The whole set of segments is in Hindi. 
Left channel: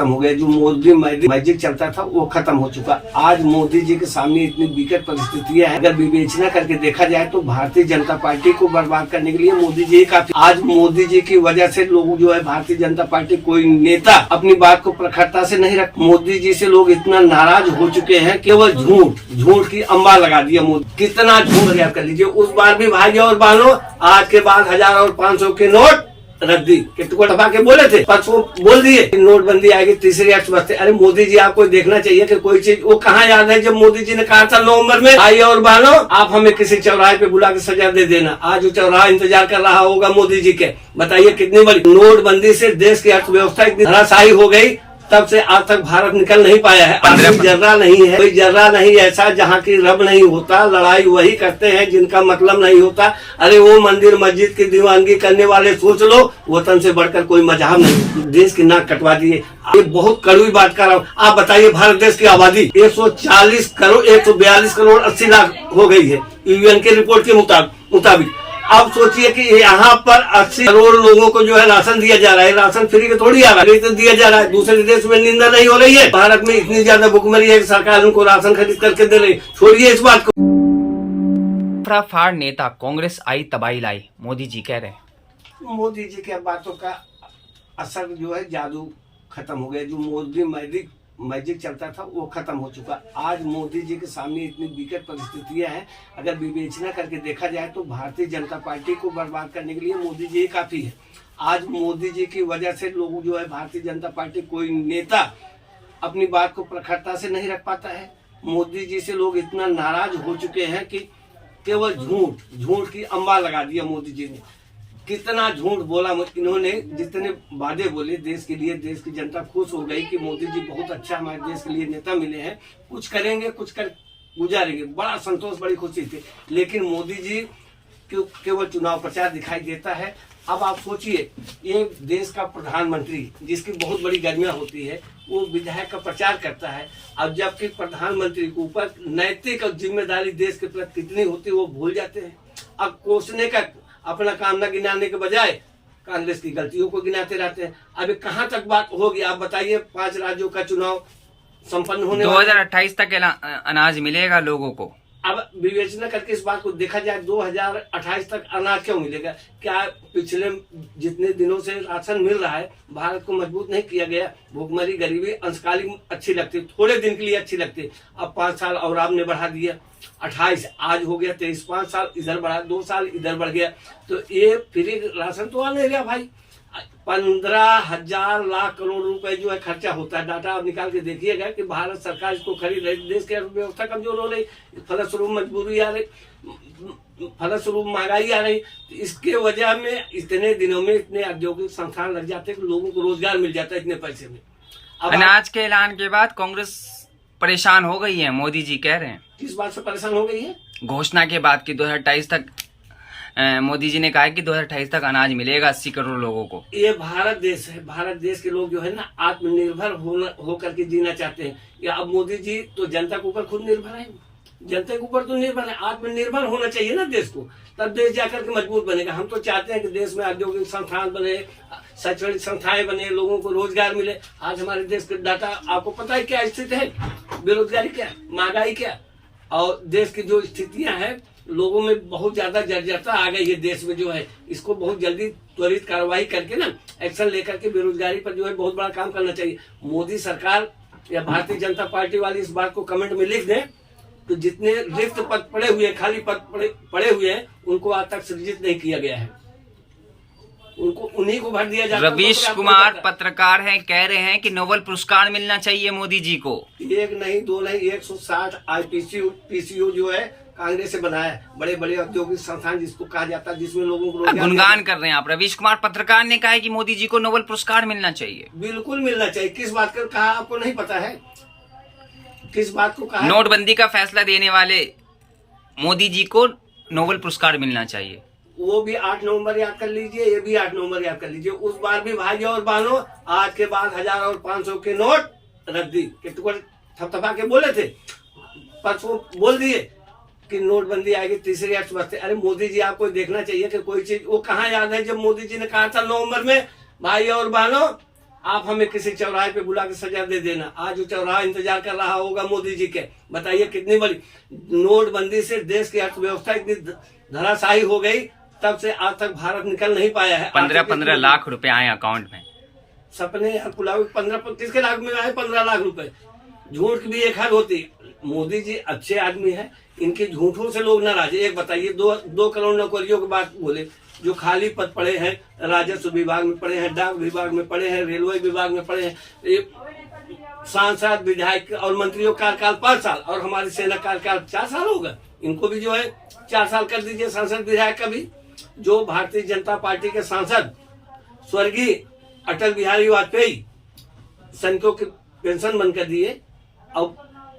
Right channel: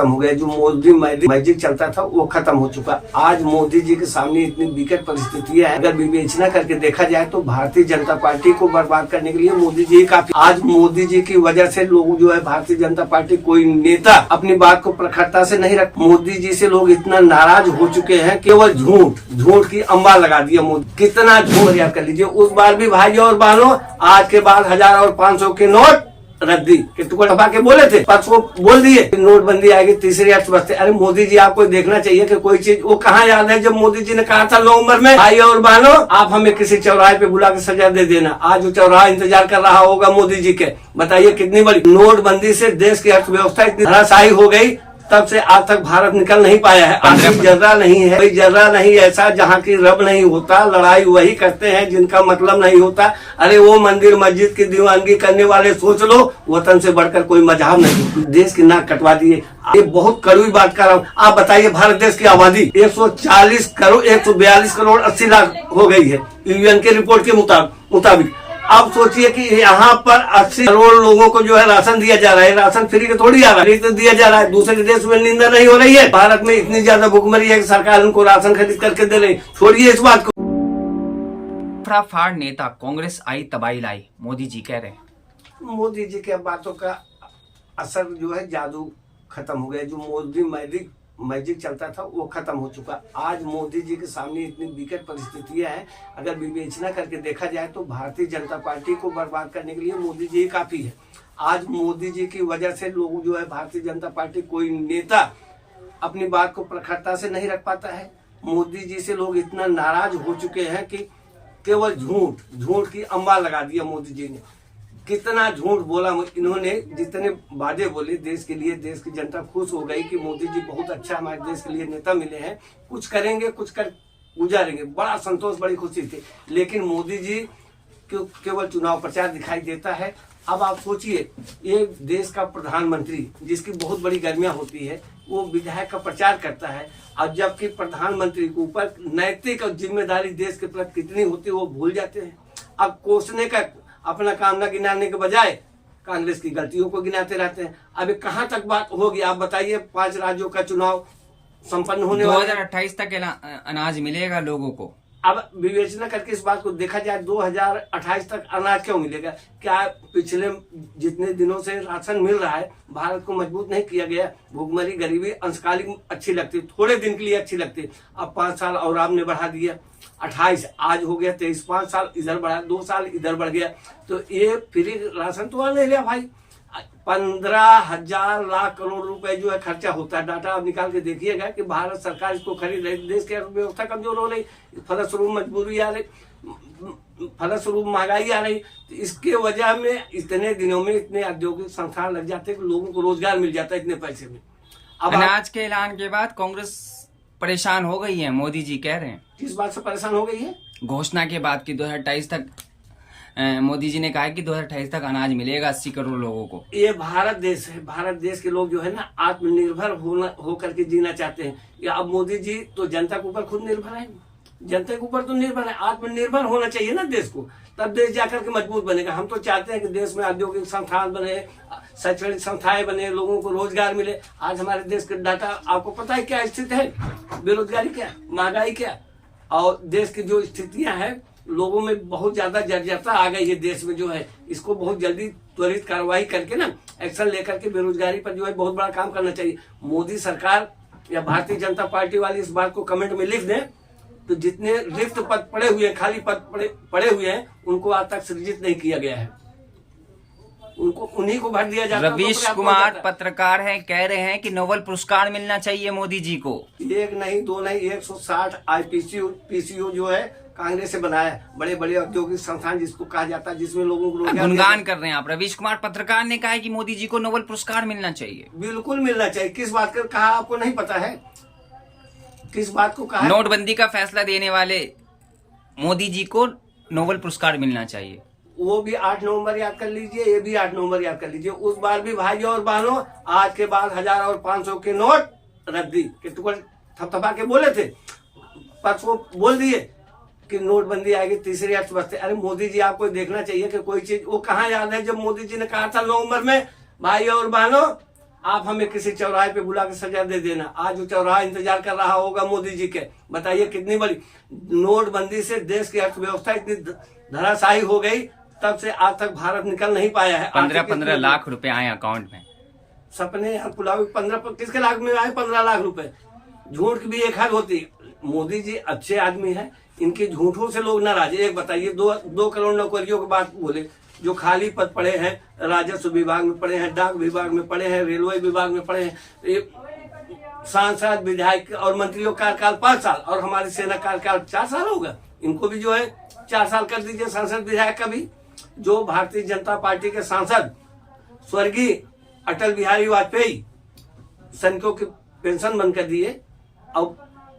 खत्म हो गया। जो मोदी मैजिक चलता था वो खत्म हो चुका। आज मोदी जी के सामने इतनी विकट परिस्थितियां हैं, अगर विवेचना करके देखा जाए तो भारतीय जनता पार्टी को बर्बाद करने के लिए मोदी जी काफी। आज मोदी जी की वजह से लोग जो है भारतीय जनता पार्टी, कोई नेता अपनी बात को प्रखरता से नहीं रख। मोदी जी से लोग इतना नाराज हो चुके हैं, केवल झूठ की अम्बा लगा दिया मोदी। कितना झूठ याद कर लीजिए। उस बार भी भाइयों और बहनों, आज के बाद 1000 और 500 के नोट रद्दी के टुकड़े दबा के बोले थे, परसों बोल दिए नोटबंदी आएगी, तीसरी अर्थव्यवस्था। अरे मोदी जी, आपको देखना चाहिए कि कोई चीज वो कहाँ याद है जब मोदी जी ने कहा था नवंबर में, भाई और बहनों आप हमें किसी चौराहे पे बुला के सजा दे देना। आज वो चौराहा इंतजार कर रहा होगा मोदी जी के। बताइए कितनी बड़ी नोटबंदी से देश की अर्थव्यवस्था इतनी धराशायी हो गई, तब से आज तक भारत निकल नहीं पाया है। कोई जर्रा नहीं है, कोई जर्रा नहीं ऐसा जहाँ की रब नहीं होता। लड़ाई वही करते हैं जिनका मतलब नहीं होता। अरे वो मंदिर मस्जिद की दीवानगी करने वाले सोच लो, वतन से बढ़कर कोई मजहब नहीं। देश की नाक कटवा दिए। ये बहुत कड़वी बात कर रहा हूँ। आप बताइए, भारत देश की आबादी 142 करोड़ 80 लाख हो गई है यूएन के रिपोर्ट के मुताबिक। अब सोचिए कि यहाँ पर 80 करोड़ लोगों को जो है राशन दिया जा रहा है। राशन फ्री के थोड़ी आ रहा है, तो दिया जा रहा है। दूसरे देश में निंदा नहीं हो रही है। भारत में इतनी ज्यादा भुखमरी है कि सरकार उनको राशन खरीद करके दे रही। छोड़िए इस बात को। फाड़ नेता कांग्रेस आई तबाही लाई, मोदी जी कह रहे हैं। मोदी जी के बातों का असर जो है, जादू खत्म हो गया। जो मोदी मैजिक चलता था वो खत्म हो चुका। आज मोदी जी के सामने इतनी विकट परिस्थितियां हैं, अगर विवेचना करके देखा जाए तो भारतीय जनता पार्टी को बर्बाद करने के लिए मोदी जी काफी है। आज मोदी जी की वजह से लोग जो है भारतीय जनता पार्टी, कोई नेता अपनी बात को प्रखरता से नहीं रख पाता है। मोदी जी से लोग इतना नाराज हो चुके हैं कि केवल झूठ की अम्बा लगा दिया मोदी जी ने। कितना झूठ बोला इन्होंने, जितने वादे बोले देश के लिए। देश की जनता खुश हो गई कि मोदी जी बहुत अच्छा हमारे देश के लिए नेता मिले हैं, कुछ करेंगे, कुछ कर गुजारेंगे। बड़ा संतोष, बड़ी खुशी थी। लेकिन मोदी जी केवल चुनाव प्रचार दिखाई देता है। अब आप सोचिए, ये देश का प्रधानमंत्री जिसकी बहुत बड़ी गर्मियां होती है, वो विधायक का प्रचार करता है। अब जबकि प्रधानमंत्री के ऊपर नैतिक और जिम्मेदारी देश के प्रति कितनी होती है वो भूल जाते हैं। अब कोसने का अपना काम न गिनाने के बजाय कांग्रेस की गलतियों को गिनाते रहते हैं। अभी कहां तक बात होगी आप बताइए। 5 राज्यों का चुनाव संपन्न होने 2028 तक अनाज मिलेगा लोगों को। अब विवेचना करके इस बात को देखा जाए, 2028 तक अनाज क्यों मिलेगा? क्या पिछले जितने दिनों से राशन मिल रहा है, भारत को मजबूत नहीं किया गया? भूखमरी, गरीबी अंशकालिक अच्छी लगती, थोड़े दिन के लिए अच्छी लगती। अब 5 साल और आपने बढ़ा दिया, 28 आज हो गया 23, 5 साल इधर बढ़ा, 2 साल इधर बढ़ गया। तो ये फ्री राशन तो आ नहीं रहा भाई। 15,000 लाख करोड़ रुपए जो है खर्चा होता है। डाटा आप निकाल के देखिएगा कि भारत सरकार इसको खरीद रही। देश की अर्थव्यवस्था कमजोर हो रही, फलस्वरूप मजबूरी आ रही, फलस्वरूप महंगाई आ रही। तो इसके वजह में इतने दिनों में इतने औद्योगिक संस्थान लग जाते हैं कि लोगों को रोजगार मिल जाता है इतने पैसे में। अब अनाज के ऐलान के बाद कांग्रेस परेशान हो गई है, मोदी जी कह रहे हैं। किस बात से परेशान हो गई है? घोषणा के बाद की 2028 तक मोदी जी ने कहा है कि 2028 तक अनाज मिलेगा 80 करोड़ लोगों को। ये भारत देश है। भारत देश के लोग जो है ना, आत्मनिर्भर होकर के जीना चाहते हैं। या अब मोदी जी तो जनता के ऊपर खुद निर्भर है, जनता के ऊपर तो निर्भर है। आत्मनिर्भर होना चाहिए ना देश को, तब देश जाकर के मजबूत बनेगा। हम तो चाहते हैं कि देश में औद्योगिक संस्थान बने, शैक्षणिक संस्थाएं बने, लोगों को रोजगार मिले। आज हमारे देश का डाटा आपको पता है क्या स्थिति है? बेरोजगारी क्या, महंगाई क्या, और देश की जो स्थितियां हैं, लोगों में बहुत ज्यादा जर्जरता आ गई है देश में जो है। इसको बहुत जल्दी त्वरित कार्रवाई करके ना, एक्शन लेकर के बेरोजगारी पर जो है बहुत बड़ा काम करना चाहिए। मोदी सरकार या भारतीय जनता पार्टी वाली इस बात को कमेंट में लिख दें तो जितने रिक्त पद पड़े हुए, खाली पद पड़े हुए हैं, उनको आज तक सृजित नहीं किया गया है। उनको उन्हीं को भर दिया जाता है। रवीश कुमार पत्रकार हैं, कह रहे हैं कि नोबेल पुरस्कार मिलना चाहिए मोदी जी को। 1 नहीं 2 नहीं 160 पीसीयू जो है कांग्रेस से बनाया है। बड़े बड़े औद्योगिक संस्थान जिसको कहा जाता है, जिसमें लोगों को गुणगान कर रहे हैं आप। रवीश कुमार पत्रकार ने कहा है कि मोदी जी को नोबेल पुरस्कार मिलना चाहिए। बिल्कुल मिलना चाहिए। किस बात का कहा आपको नहीं पता है? किस बात को कहा? नोटबंदी का फैसला देने वाले मोदी जी को नोबेल पुरस्कार मिलना चाहिए। वो भी 8 नवंबर याद कर लीजिए, ये भी 8 नवंबर याद कर लीजिए। उस बार भी भाइयों और बहनों, आज के बाद 1000 और 500 के नोट रद्दी के टुकड़े थपथपा के बोले थे, परसों बोल दिए कि नोटबंदी आएगी, तीसरी अर्थव्यवस्था। अरे मोदी जी, आपको देखना चाहिए कि कोई चीज वो कहाँ याद है जब मोदी जी ने कहा था नवंबर में, भाइयों और बहनों आप हमें किसी चौराहे पे बुला के सजा दे देना, आज वो चौराहा इंतजार कर रहा होगा मोदी जी के। बताइए कितनी बड़ी नोटबंदी से देश की अर्थव्यवस्था इतनी धराशायी हो गई, तब से आज तक भारत निकल नहीं पाया है। 15-15 लाख रुपए आए अकाउंट में। सपने पुलाव 15 किसके लाख में आए? 15 लाख रुपए। झूठ की भी एक हद होती। मोदी जी अच्छे आदमी है, इनके झूठों से लोग नाराज है। एक बताइए, 2 करोड़ नौकरियों की बात बोले, जो खाली पद पड़े हैं, राजस्व विभाग में पड़े हैं, डाक विभाग में पड़े हैं, रेलवे विभाग में पड़े हैं, सांसद विधायक और मंत्रियों का कार्यकाल 5 साल और हमारी सेना कार्यकाल 4 साल होगा। इनको भी जो है 4 साल कर दीजिए, सांसद विधायक का भी। जो भारतीय जनता पार्टी के सांसद स्वर्गीय अटल बिहारी वाजपेयी सैनिकों की पेंशन बंद कर दिए और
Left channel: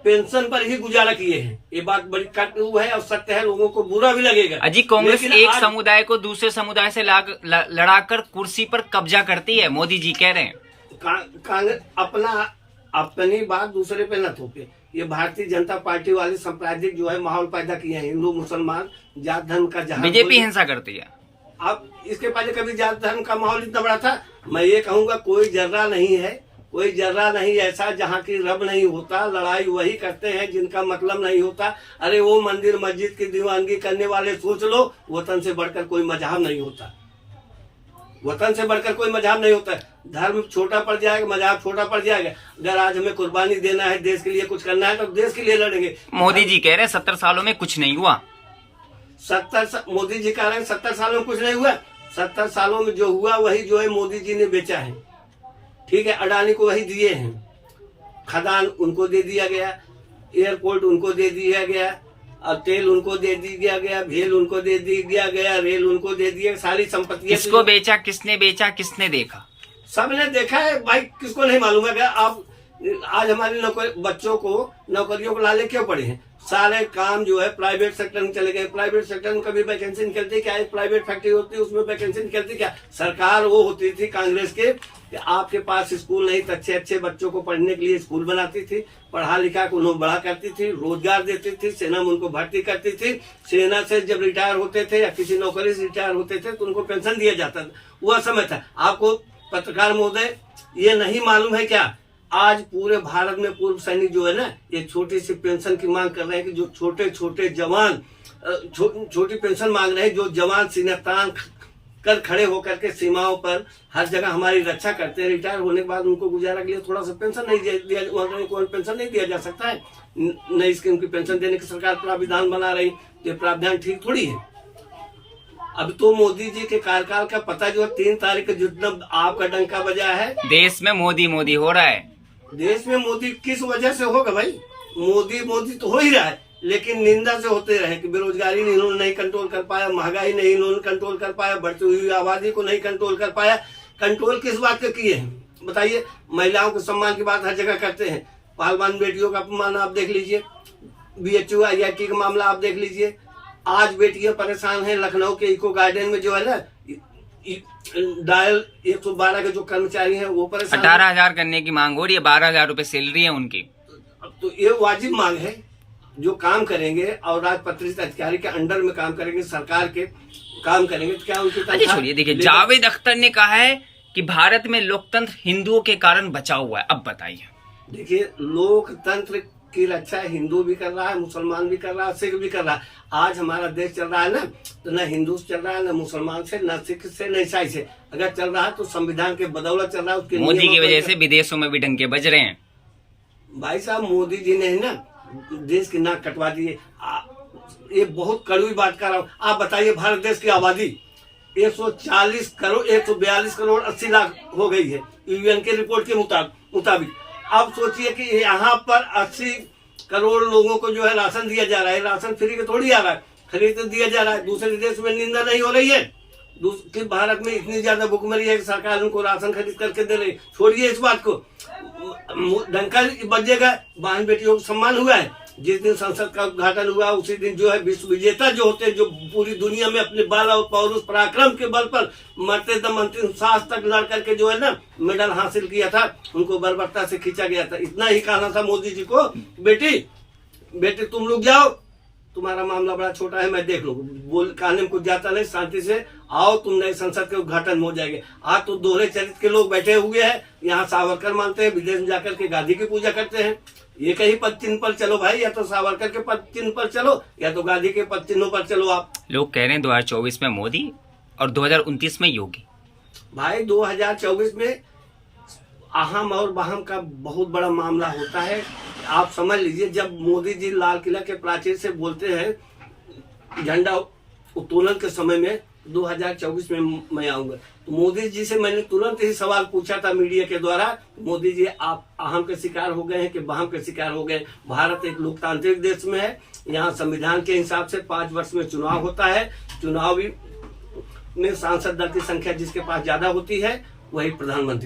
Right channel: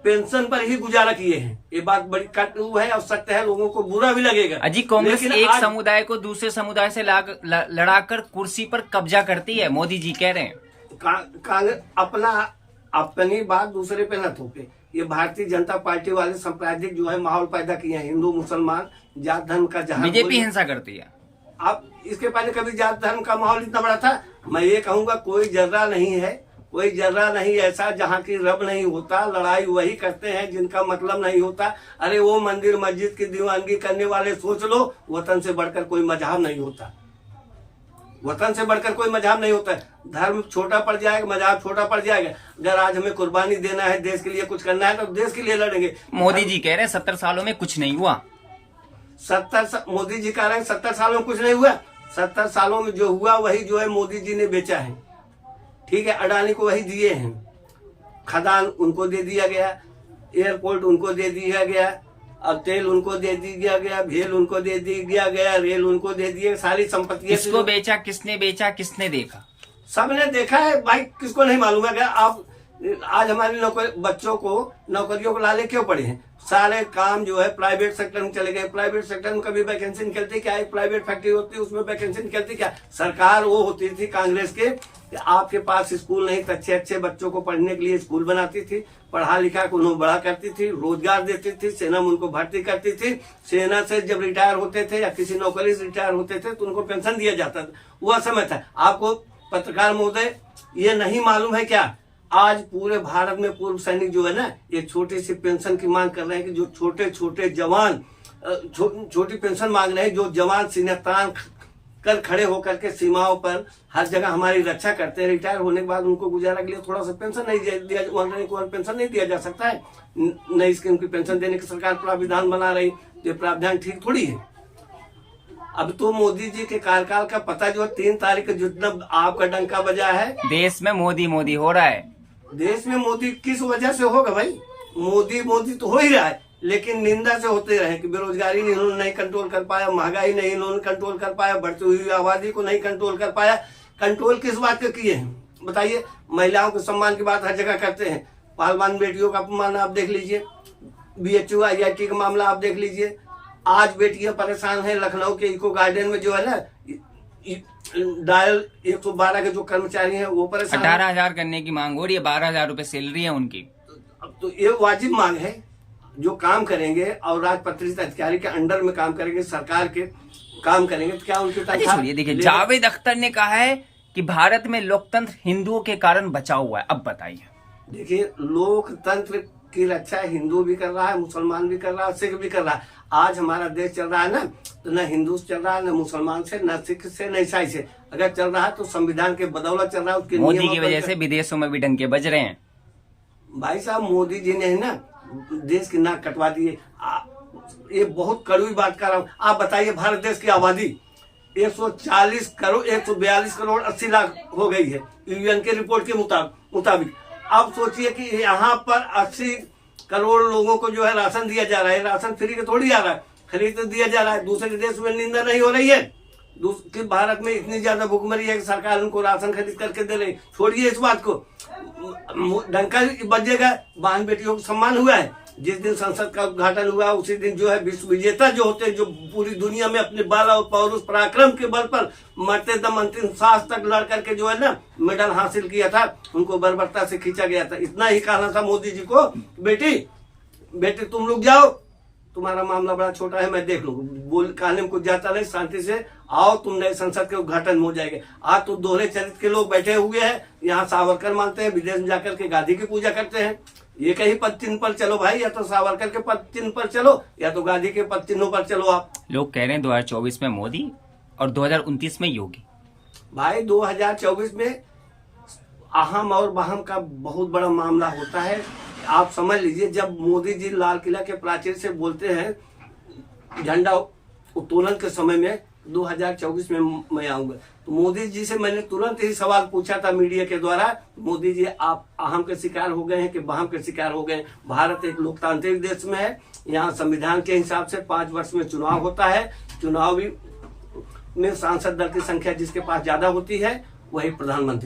पेंशन पर ही गुजारा किए हैं। ये बात बड़ी कटु है और सत्य है, लोगों को बुरा भी लगेगा। अजी, कांग्रेस एक समुदाय को दूसरे समुदाय से लड़ाकर कुर्सी पर कब्जा करती है, मोदी जी कह रहे हैं। कांग्रेस अपनी बात दूसरे पे न थोपे। ये भारतीय जनता पार्टी वाले सांप्रदायिक जो है माहौल पैदा किए हैं, हिंदू मुसलमान जात धर्म का जहां बीजेपी हिंसा करती है। अब इसके पहले कभी जात धर्म का माहौल इतना बड़ा था? मैं ये कहूंगा कोई जर्रा नहीं है, कोई जर्रा नहीं ऐसा जहाँ की रब नहीं होता। लड़ाई वही करते हैं जिनका मतलब नहीं होता। अरे वो मंदिर मस्जिद की दीवानगी करने वाले सोच लो, वतन से बढ़कर कोई मजहब नहीं होता। वतन से बढ़कर कोई मजहब नहीं होता। धर्म छोटा पड़ जाएगा, मजहब छोटा पड़ जाएगा। अगर आज हमें कुर्बानी देना है, देश के लिए कुछ करना है, तो देश के लिए लड़ेंगे। मोदी जी कह रहे हैं 70 सालों में कुछ नहीं हुआ। मोदी जी कह रहे हैं 70 सालों में कुछ नहीं हुआ। 70 सालों में जो हुआ वही जो है मोदी जी ने बेचा है। ठीक है, अडानी को वही दिए हैं, खदान उनको दे दिया गया, एयरपोर्ट उनको दे दिया गया, और तेल उनको दे दिया गया, भेल उनको दे दिया गया, रेल उनको दे दिया, सारी संपत्ति। किसको बेचा, किसने बेचा, किसने देखा? सबने देखा है भाई, किसको नहीं मालूम है? आप आज हमारे बच्चों को नौकरियों को लाले क्यों पड़े हैं? सारे काम जो है प्राइवेट सेक्टर में चले गए। प्राइवेट सेक्टर में कभी वैकेंसी निकलती क्या? एक प्राइवेट फैक्ट्री होती है, उसमें वैकेंसी निकलती क्या? सरकार वो होती थी कांग्रेस के कि आपके पास स्कूल नहीं तो अच्छे अच्छे बच्चों को पढ़ने के लिए स्कूल बनाती थी, पढ़ा लिखा को उन्हें बड़ा करती थी, रोजगार देती थी, सेना में उनको भर्ती करती थी। सेना से जब रिटायर होते थे या किसी नौकरी से रिटायर होते थे तो उनको पेंशन दिया जाता था। वह समय था। आपको पत्रकार महोदय ये नहीं मालूम है क्या? आज पूरे भारत में पूर्व सैनिक जो है ना, ये छोटी सी पेंशन की मांग कर रहे हैं कि जो छोटे छोटे जवान छोटी पेंशन मांग रहे हैं, जो जवान सीने तान कर खड़े होकर के सीमाओं पर हर जगह हमारी रक्षा करते हैं। रिटायर होने के बाद उनको गुजारा के लिए थोड़ा सा पेंशन नहीं दिया, पेंशन नहीं दिया जा सकता है। नई स्कीम की पेंशन देने की सरकार प्राविधान बना रही, ये प्राविधान ठीक थोड़ी है। अब तो मोदी जी के कार्यकाल का पता जो 3 तारीख को जितना आपका डंका बजा है, देश में मोदी मोदी हो रहा है। देश में मोदी किस वजह से होगा भाई? मोदी मोदी तो हो ही रहा है, लेकिन निंदा से होते रहे कि बेरोजगारी इन्होंने नहीं कंट्रोल कर पाया, महंगाई नहीं इन्होंने कंट्रोल कर पाया, बढ़ती हुई आबादी को नहीं कंट्रोल कर पाया। कंट्रोल किस बात के किए हैं बताइए? महिलाओं के सम्मान की बात हर जगह करते हैं, पालवान बेटियों का अपमान आप देख लीजिए, BHU IIT का मामला आप देख लीजिए। आज बेटियां परेशान हैं। लखनऊ के इको गार्डन में जो है ना, डायल 112 के जो कर्मचारी हैं वो परेशान। 18,000 करने की मांग हो रही है, 12,000 रुपए सैलरी है उनकी। तो ये वाजिब मांग है। जो काम करेंगे और राजपत्रित अधिकारी के अंडर में काम करेंगे, सरकार के काम करेंगे, तो क्या उनकी तनख्वाह? छोड़िए, देखिए जावेद अख्तर ने कहा है कि भारत में लोकतंत्र हिंदुओं के कारण बचा हुआ है। अब बताइए। देखिए, लोकतंत्र की रक्षा हिंदू भी कर रहा है, मुसलमान भी कर रहा है, सिख भी कर रहा है। आज हमारा देश चल रहा है ना, तो न हिंदू से चल रहा है, न मुसलमान से, न सिख से, न ईसाई से। अगर चल रहा है तो संविधान के बदौलत चल रहा है। उसके मोदी की वजह से विदेशों में भी डंके बज रहे हैं। भाई साहब, मोदी जी ने ना देश की नाक कटवा दी है। ये बहुत कड़वी बात कर रहा हूँ। आप बताइए, भारत देश की आबादी 142 करोड़ 80 लाख हो गई है UN के रिपोर्ट के मुताबिक। अब सोचिए कि यहाँ पर 80 करोड़ लोगों को जो है राशन दिया जा रहा है। राशन फ्री के थोड़ी आ रहा है, खरीद दिया जा रहा है। दूसरे देश में निंदा नहीं हो रही है कि भारत में इतनी ज्यादा भुखमरी है कि सरकार उनको राशन खरीद करके दे रही। छोड़िए इस बात को, डंका बजेगा। बहन बेटियों का सम्मान हुआ है। जिस दिन संसद का उद्घाटन हुआ उसी दिन जो है विश्व विजेता जो होते हैं, जो पूरी दुनिया में अपने बल और पौरुष पराक्रम के बल पर मरते दम अंतिम सांस तक लड़ करके जो है ना मेडल हासिल किया था, उनको बर्बरता से खींचा गया था। इतना ही कहना था मोदी जी को, बेटी तुम लोग जाओ, तुम्हारा मामला बड़ा छोटा है, मैं देख लूंगा। कहने में कुछ जाता नहीं, शांति से आओ तुम नए संसद के उद्घाटन में हो जाएंगे। आज तो दोहरे चरित्र के लोग बैठे हुए हैं, यहाँ सावरकर मानते हैं, विदेश में जाकर के गांधी की पूजा करते हैं। ये कहीं पद चिन्ह पर चलो भाई, या तो सावरकर के पद चिन्ह पर चलो या तो गांधी के पद चिन्हों पर चलो। आप लोग कह रहे हैं 2024 में मोदी और 2029 में योगी। भाई 2024 में अहम और बहम का बहुत बड़ा मामला होता है। आप समझ लीजिए, जब मोदी जी लाल किला के प्राचीर से बोलते हैं झंडा उत्तोलन के समय में 2024 में मैं आऊंगा, तो मोदी जी से मैंने तुरंत ही सवाल पूछा था मीडिया के द्वारा, मोदी जी आप अहम के शिकार हो गए हैं कि बहम के शिकार हो गए? भारत एक लोकतांत्रिक देश में है, यहाँ संविधान के हिसाब से 5 वर्ष में चुनाव होता है। चुनावी में सांसद दल की संख्या जिसके पास ज्यादा होती है वही प्रधानमंत्री